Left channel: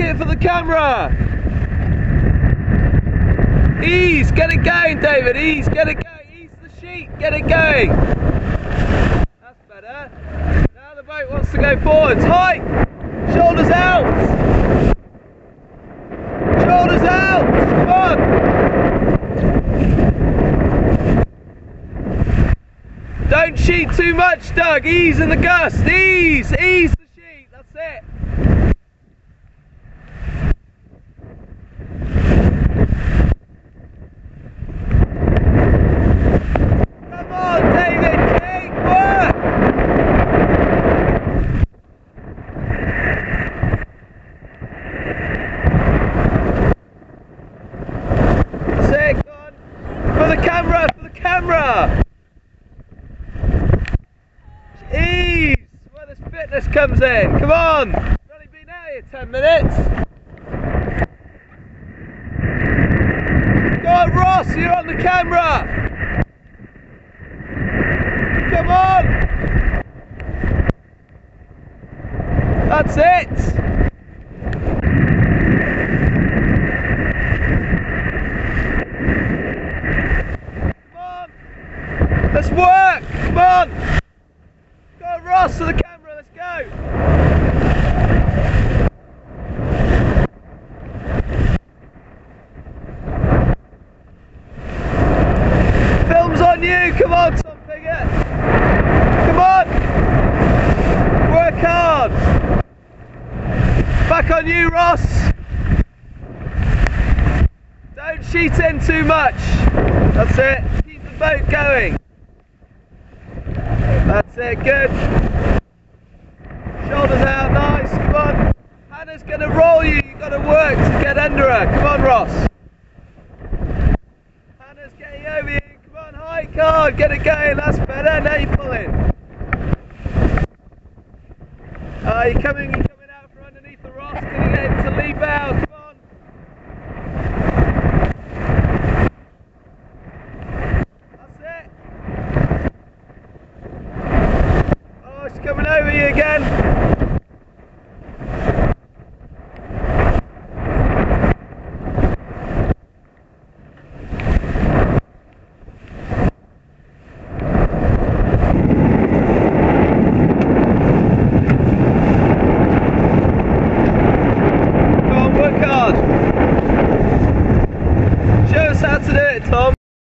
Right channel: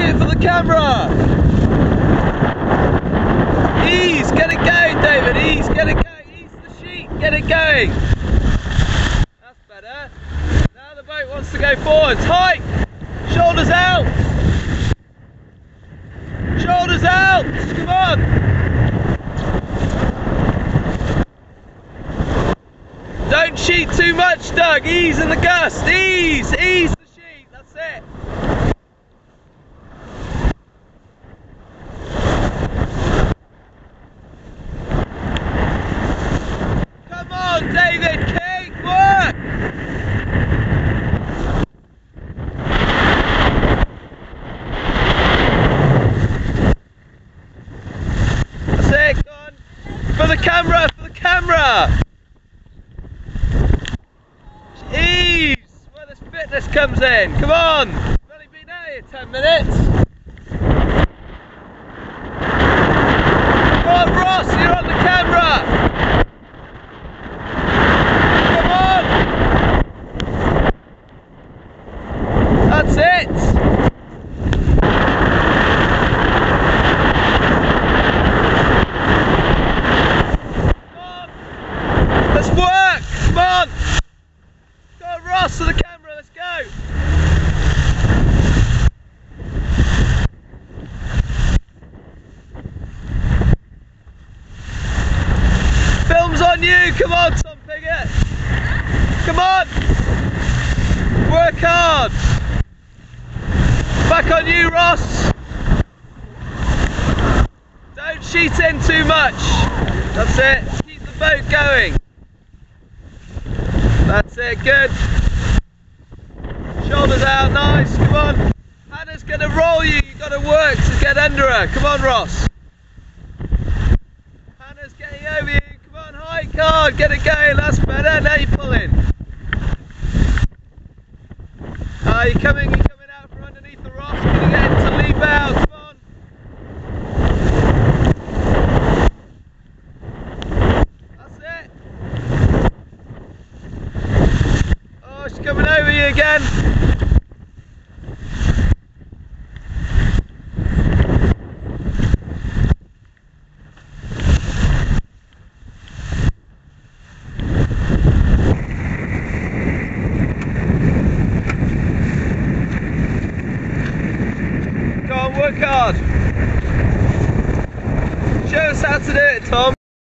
it for the camera. Ease, get it going, David. Ease, get it going. Ease the sheet, get it going. That's better. Now the boat wants to go forwards. Height, shoulders out. Shoulders out. Come on. Don't sheet too much, Doug. Ease in the gust. Ease, ease the sheet. That's it. Come on, David King, work! That's it, go on. For the camera, for the camera! Ease, where this fitness comes in. Come on! We've only been out here 10 minutes. Come on, Ross, you're on the camera! Come on! That's it! Come on! Let's work! Come on! Go on, Ross, to the camera, let's go! Film's on you! Come on, Tom Piggott! Come on! Work hard! Back on you, Ross! Don't sheet in too much! That's it! Keep the boat going! That's it, good! Shoulders out, nice, come on! Hannah's going to roll you, you've got to work to get under her. Come on, Ross! Hannah's getting over you, come on, hike hard, get it going, that's better, now you're pulling. You're coming out from underneath the Ross, can you get him to leap out?